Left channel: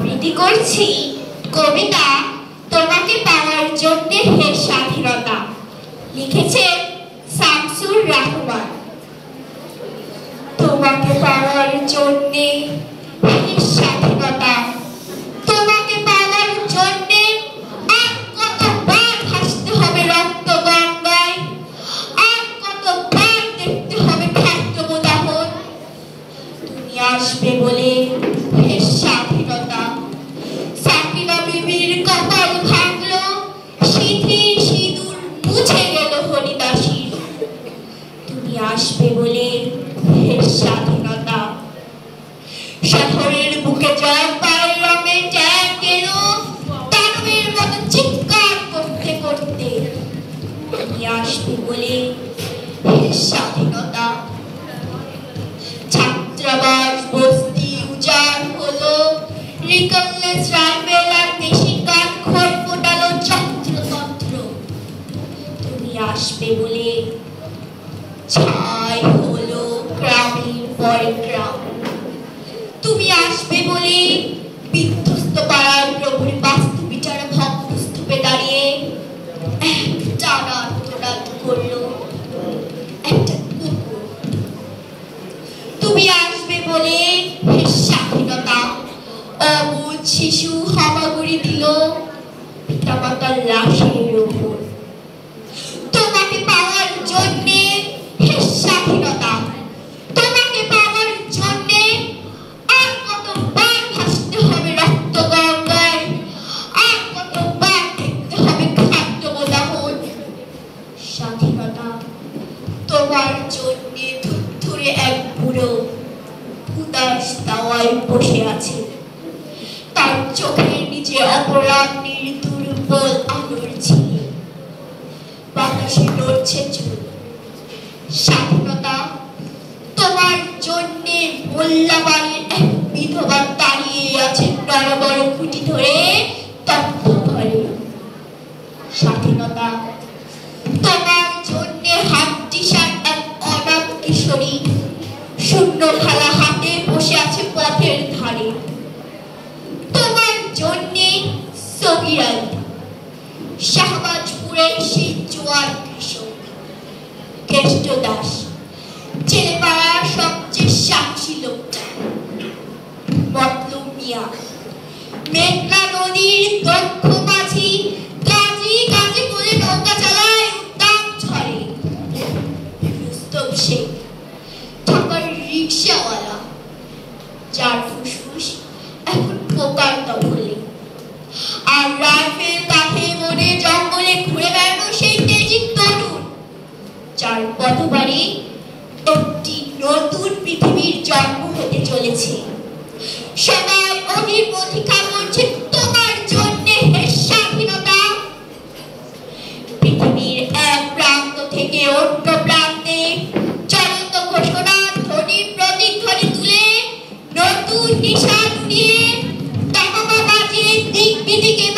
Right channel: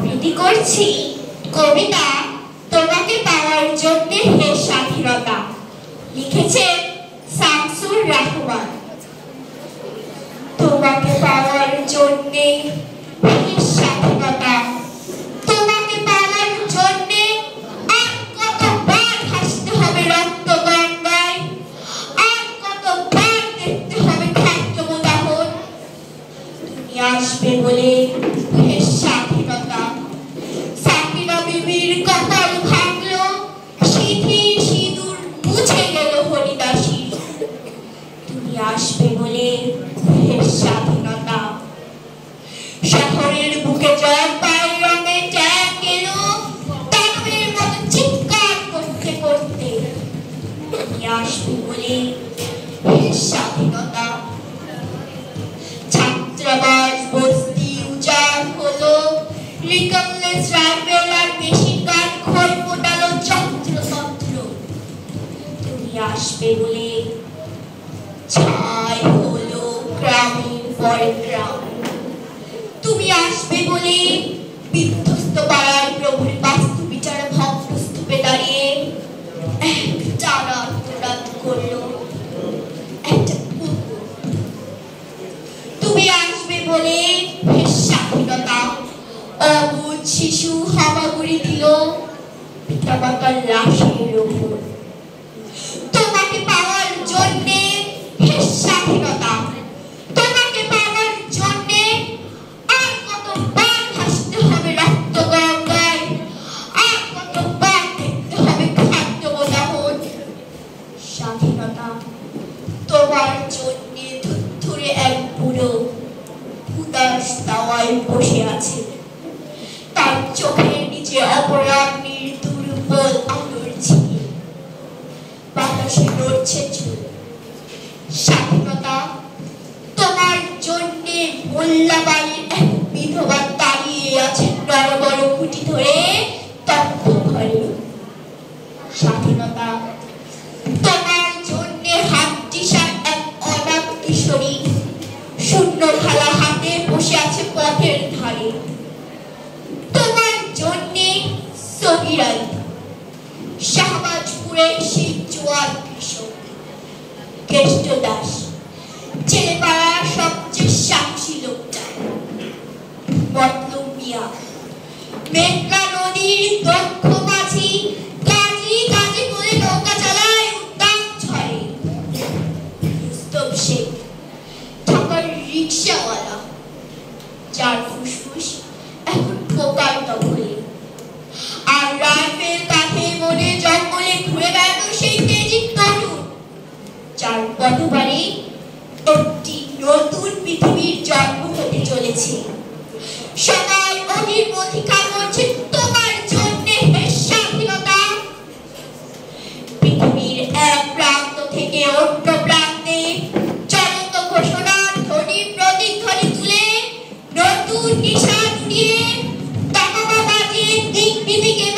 আবৃত্তি করছি কবিতা তোমাকে পাওয়ার জন্য হে স্বাধীনতা, লিখেছেন শামসুর রহমান। তোমাকে পাওয়ার জন্য হে স্বাধীনতা, তোমাকে পাওয়ার জন্য আর কতবার ভাসতে হবে রক্ত গঙ্গায়, আর কতবার দেখতে হবে ক্ষান্ত উদাহরণ। তুমি আসবে বলে হে স্বাধীনতা, সাকিনা বিবির কপাল ভাঙলো, সিঁথির সিঁদুর মুছে গেল হরিদাসীর। তুমি আসবে বলে হে স্বাধীনতা, শহরের বুকে জলপাই রঙে ট্যাগ এলো দানবের মতো চিৎকার করতে করতে। তুমি আসবে বলে হে স্বাধীনতা, ছাত্রাবাস বস্তি উজাড় হলো, রিকমলেস রাইফেল আর মেশিন গান খোল ফোটালো যন্ত্রতন্ত্র। তুমি আসবে বলে ছাই হলো গ্রামের পর গ্রাম। তুমি আসবে বলে বিধ্বস্ত পাড়ার প্রভুর বাস্তু বিচার ভক্ত স্তূপে দাঁড়িয়ে টানা আত্মনাদ করলো একটা কুকুর। তুমি আসবে বলে হে স্বাধীনতা, অবুঝ শিশু হামাগুড়ি দিল পিতামাতার লাশের উপর। তোমাকে পাওয়ার জন্যে হে স্বাধীনতা, তোমাকে পাওয়ার জন্যে আর কতবার ভাসতে হবে রক্ত গঙ্গায়, আর কতবার দেখতে হবে খাদ্য বোদাহন। স্বাধীনতা তোমার জন্যে ধুরধুরে এক বুড়ো উদাস দাওয়ায় বসে আছে, তার চোখের নিচে অপরাহ্নের দুর্বল আলোর ঝিল, বাতাসে নড়ছে চুল। স্বাধীনতা তোমার জন্যে মোল্লাবাড়ির এক বিধবা দাঁড়িয়ে আছে নরবড় খুঁটি ধরে তপ্ত ঘরে। স্বাধীনতা তোমার জন্যে হাড্ডিসার এক অনাথ কিশোরী শূন্য থালা হাতে বসে আছে পথের ধারে। তোমার জন্যে সগীর আলী, শাহবাজপুরের সেই জোয়ার কৃষক, কেষ্ট দাস, জেলে পাড়ার সবচেয়ে সাহসী লোকটা, মতলব মিয়া, মেঘনা নদীর দক্ষ মাঝি, গাজী গাজী বলে নৌকা চালায় উদ্দাম ঝড়ে, রুস্তম শেখ, ঢাকার রিকশাওয়ালা, যার ফুসফুস এখন পোকার দখলে, আর রাইফেল কাঁধে মনে জঙ্গলে ঘুরে বেড়ানো সেই তেজি তরুণ, যার পথবারে একটি নতুন পৃথিবীর জন্ম হতে চলেছে। সবাই অধীর অধিকার করছে তোমার জন্যে হে স্বাধীনতা। পৃথিবীর এক প্রান্ত থেকে অন্য প্রান্তে চলন্ত ঘোষণার ধ্বনি প্রতিধ্বনি তুলে নতুন নিশান উড়িয়ে তামামা বাজিয়ে দিক বিদিকে